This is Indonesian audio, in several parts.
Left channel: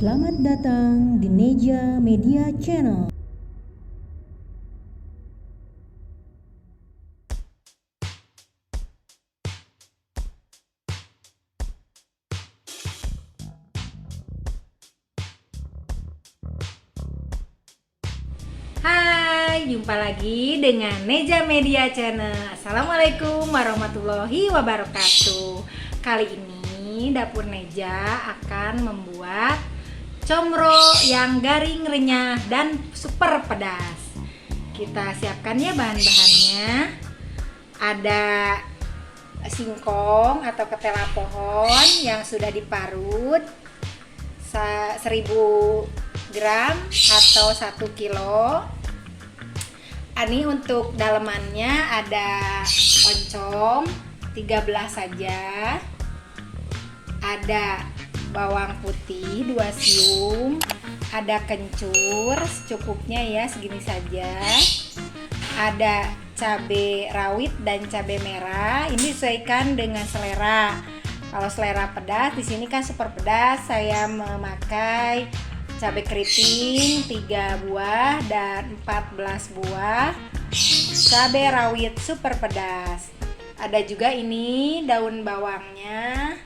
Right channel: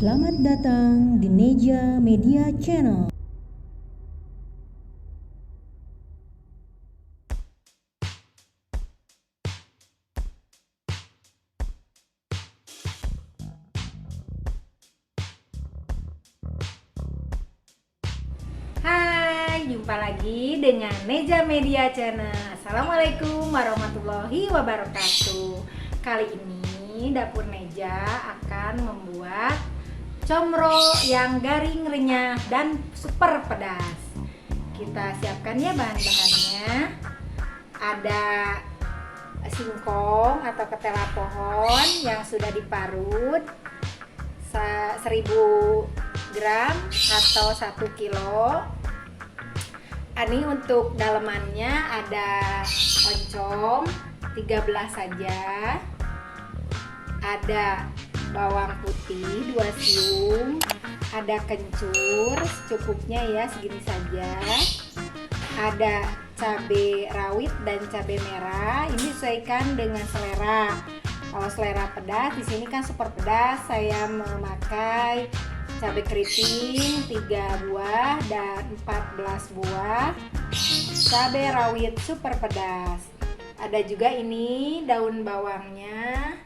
Selamat datang di Neja Media Channel. Hai, jumpa lagi dengan Neja Media Channel. Assalamualaikum warahmatullahi wabarakatuh. Kali ini Dapur Neja akan membuat comro yang garing, renyah, dan super pedas. Kita siapkan ya bahan-bahannya. Ada singkong atau ketela pohon yang sudah diparut 1000 gram atau 1 kilo. Ini untuk dalemannya ada oncom 13 saja, ada bawang putih 2 siung, ada kencur secukupnya ya, segini saja, ada cabai rawit dan cabai merah. Ini disesuaikan dengan selera. Kalau selera pedas, di sini kan super pedas, saya memakai cabai keriting 3 buah dan 14 buah cabai rawit super pedas. Ada juga ini daun bawangnya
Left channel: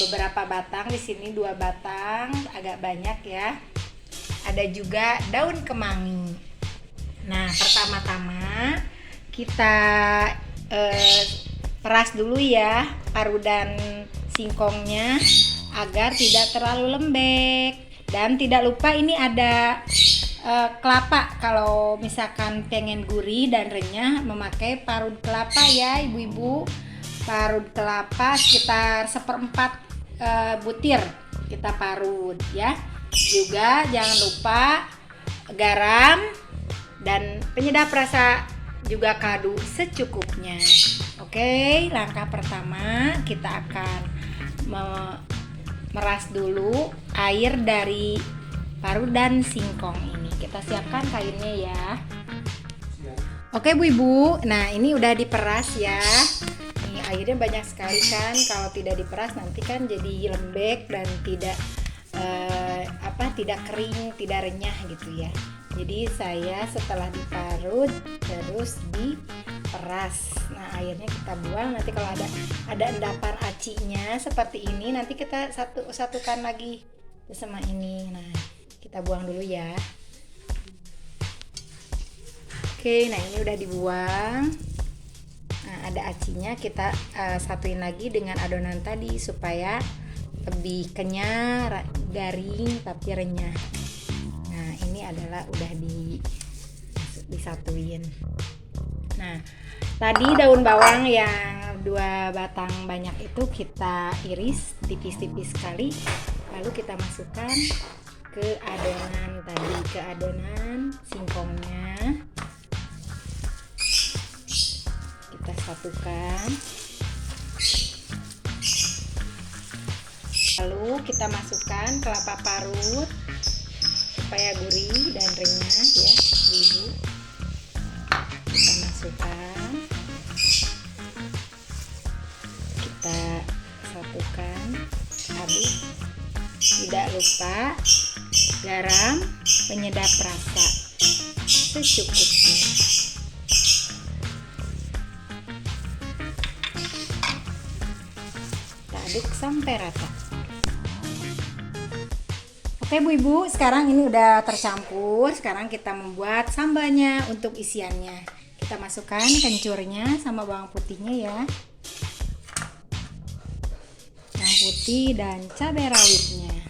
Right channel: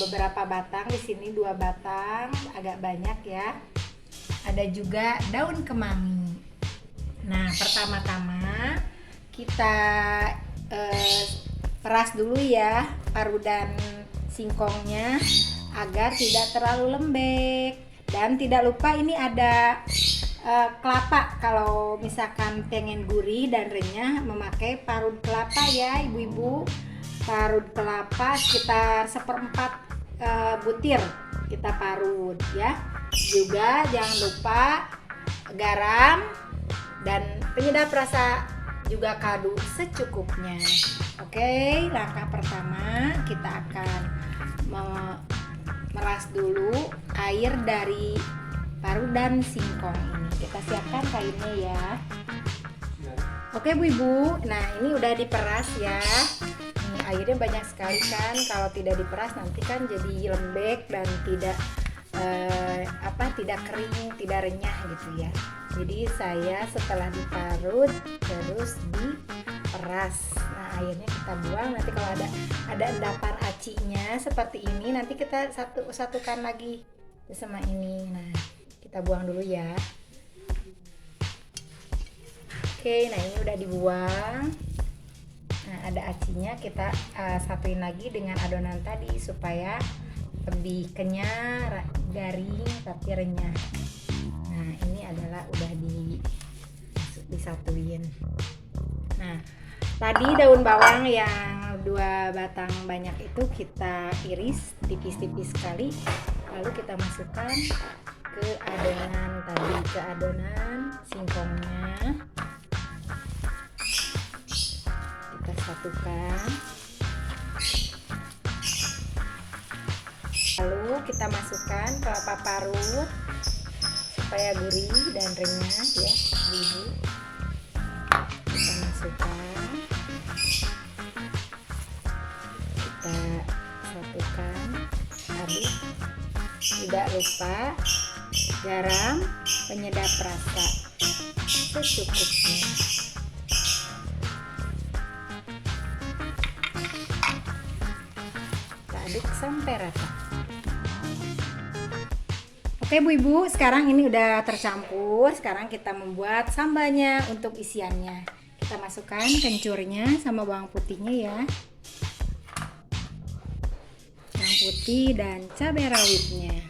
beberapa batang, di sini 2 batang, agak banyak ya. Ada juga daun kemangi. Nah, pertama-tama kita peras dulu ya parudan singkongnya agar tidak terlalu lembek. Dan tidak lupa ini ada kelapa. Kalau misalkan pengen gurih dan renyah, memakai parut kelapa ya ibu-ibu. Parut kelapa sekitar 1/4 butir kita parut ya. Juga jangan lupa garam dan penyedap rasa juga kaldu secukupnya. Oke, langkah pertama kita akan meras dulu air dari parudan singkong ini. Kita siapkan kainnya ya. Oke Bu Ibu, nah ini udah diperas ya. Ini airnya banyak sekali kan. Kalau tidak diperas nanti kan jadi lembek dan tidak tidak kering, tidak renyah gitu ya. Jadi saya setelah diparut terus diperas. Nah, airnya kita buang. Nanti kalau ada endapan acinya seperti ini, nanti kita satukan lagi sama ini. Nah, kita buang dulu ya. Oke, nah ini udah dibuang. Nah, ada acinya, kita satuin lagi dengan adonan tadi supaya lebih kenyal, garing tapi renyah. Nah, ini adalah udah disatuin. Nah, tadi daun bawang yang 2 batang banyak itu kita iris tipis-tipis sekali, lalu kita masukkan ke adonan singkongnya. Kita satukan. Lalu kita masukkan kelapa parut supaya gurih dan renyah ya, ibu. Kita masukkan, kita satukan, aduk. Tidak lupa garam, penyedap rasa secukupnya. Kita aduk sampai rata. Oke Bu Ibu, sekarang ini udah tercampur. Sekarang kita membuat sambalnya untuk isiannya. Kita masukkan kencurnya sama bawang putihnya ya. Bawang putih dan cabai rawitnya.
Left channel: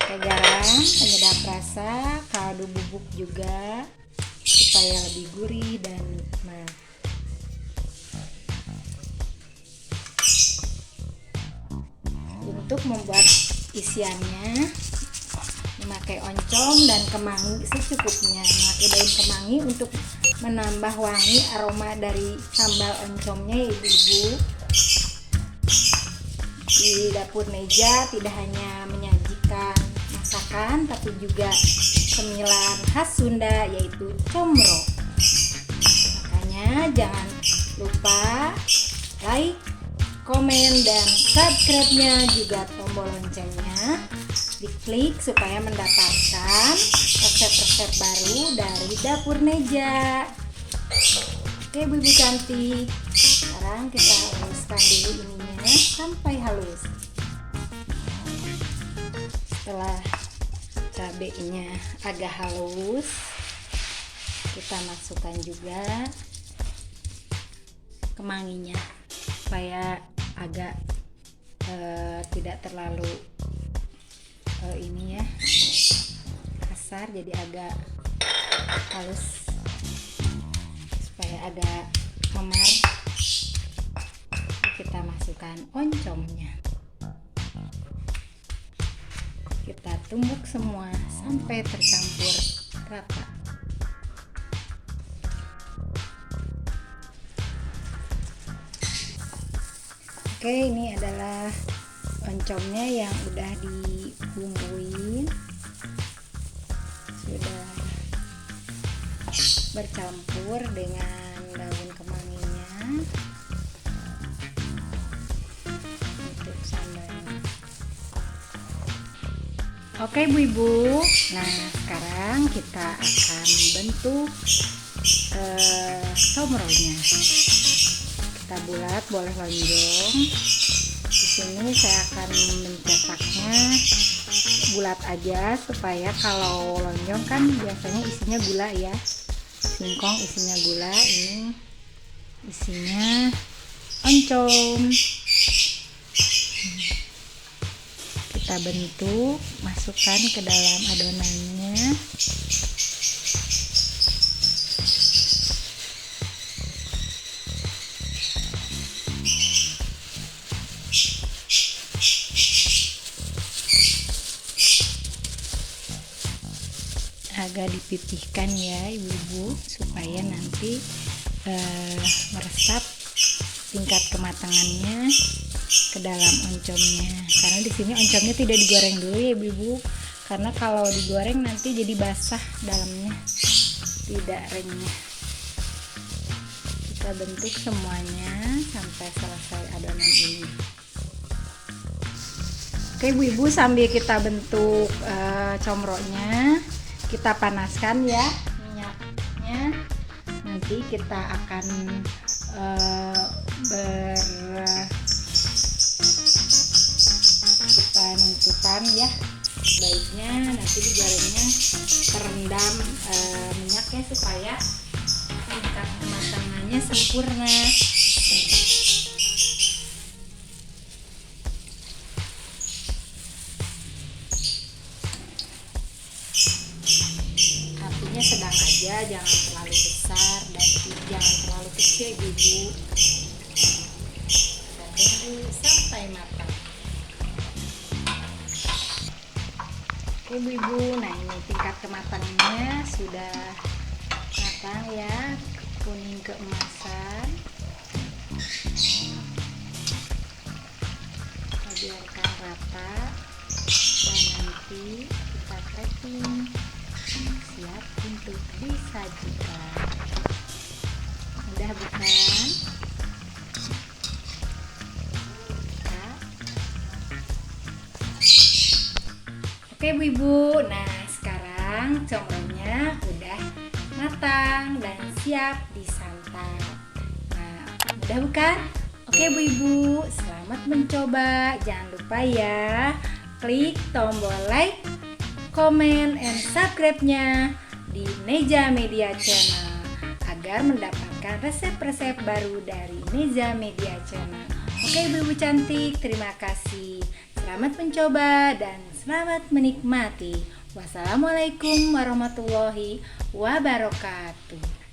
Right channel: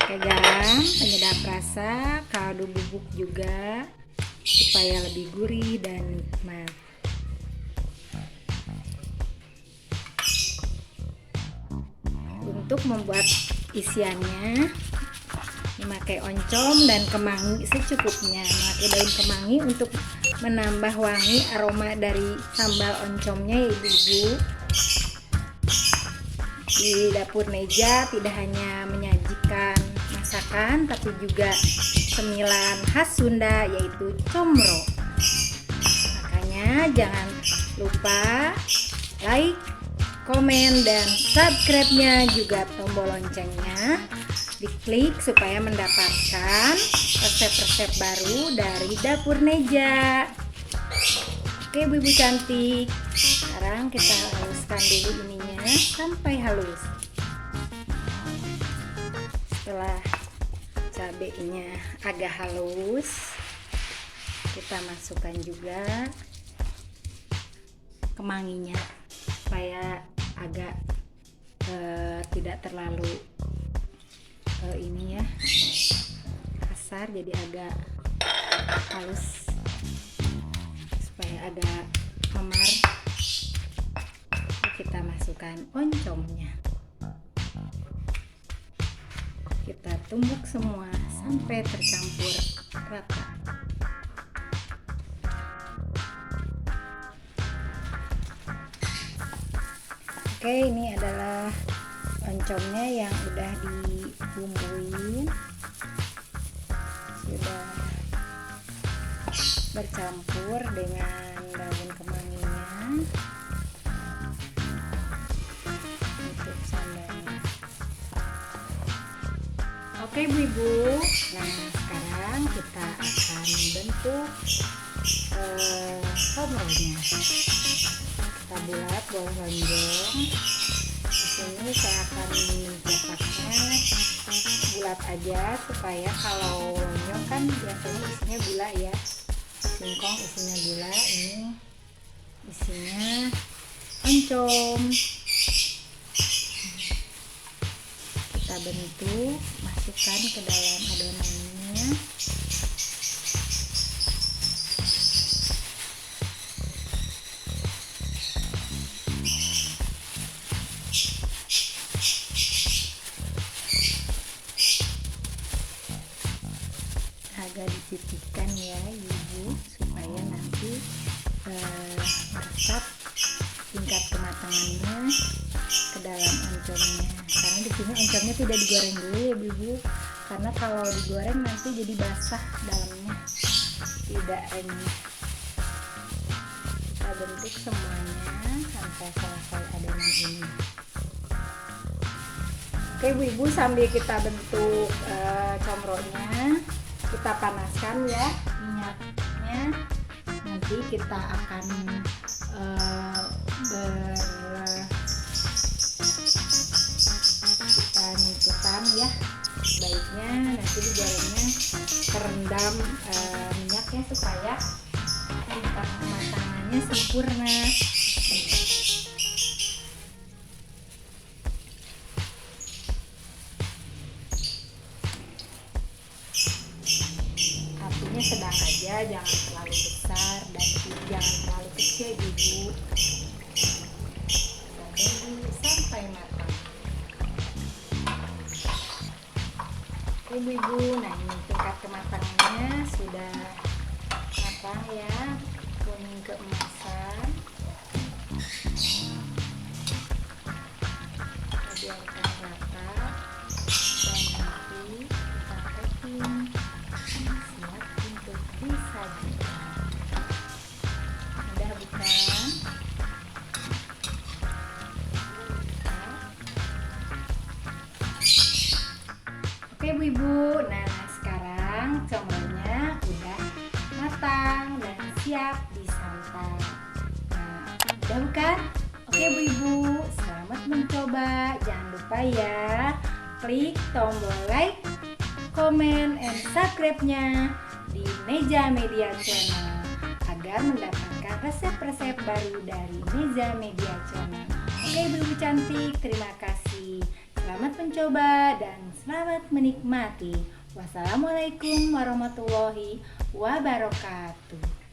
Pakai garam, penyedap rasa, kaldu bubuk juga supaya lebih gurih dan nikmat. Untuk membuat isiannya memakai oncom dan kemangi secukupnya. Memakai daun kemangi untuk menambah wangi aroma dari sambal oncomnya ya ibu-ibu. Di Dapur Neja tidak hanya menyajikan masakan tapi juga cemilan khas Sunda yaitu comro. Makanya jangan lupa like, komen, dan subscribe-nya, juga tombol loncengnya diklik supaya mendapatkan resep-resep baru dari Dapur Neja. Oke ibu-ibu cantik, sekarang kita haluskan dulu ininya sampai halus. Setelah cabenya agak halus, kita masukkan juga kemanginya supaya agak tidak terlalu ini ya kasar, jadi agak halus supaya agak memar. Kita masukkan oncomnya, kita tumbuk semua sampai tercampur rata. Oke, ini adalah oncomnya yang udah dibumbuin, sudah bercampur dengan daun kemanginya untuk sambalnya. Oke ibu-ibu, nah sekarang kita akan membentuk somronya. Kita buat boleh lonjong. Di sini saya akan mencetaknya bulat aja, supaya kalau lonjong kan biasanya isinya gula ya. Singkong isinya gula, ini isinya oncom. Kita bentuk, masukkan ke dalam adonannya. Agak dipipihkan ya ibu-ibu, supaya nanti meresap tingkat kematangannya ke dalam oncomnya. Karena di sini oncomnya tidak digoreng dulu ya ibu-ibu, karena kalau digoreng nanti jadi basah dalamnya, tidak renyah. Kita bentuk semuanya sampai selesai adonan ini. Oke ibu-ibu, sambil kita bentuk comronya, kita panaskan ya minyaknya. Nanti kita akan berputar ya. Baiknya nanti digorengnya terendam minyak ya, supaya tingkat kematangannya sempurna. Apinya sedang aja, jangan terlalu besar dan jangan terlalu kecil ibu. Kita tunggu sampai matang. Oke ibu, nah ini tingkat kematangannya sudah matang ya, kuning keemasan. Kita biarkan rata dan nanti kita packing, siap untuk disajikan. Mudah bukan? Oke ibu-ibu, nah sekarang comronya udah matang dan siap disantap. Nah, udah bukan? Oke ibu-ibu, selamat mencoba. Jangan lupa ya, klik tombol like, komen, and subscribe-nya di Neja Media Channel agar mendapatkan resep-resep baru dari Neja Media Channel. Oke ibu-ibu cantik, terima kasih. Selamat mencoba dan selamat menikmati. Wassalamualaikum warahmatullahi wabarakatuh.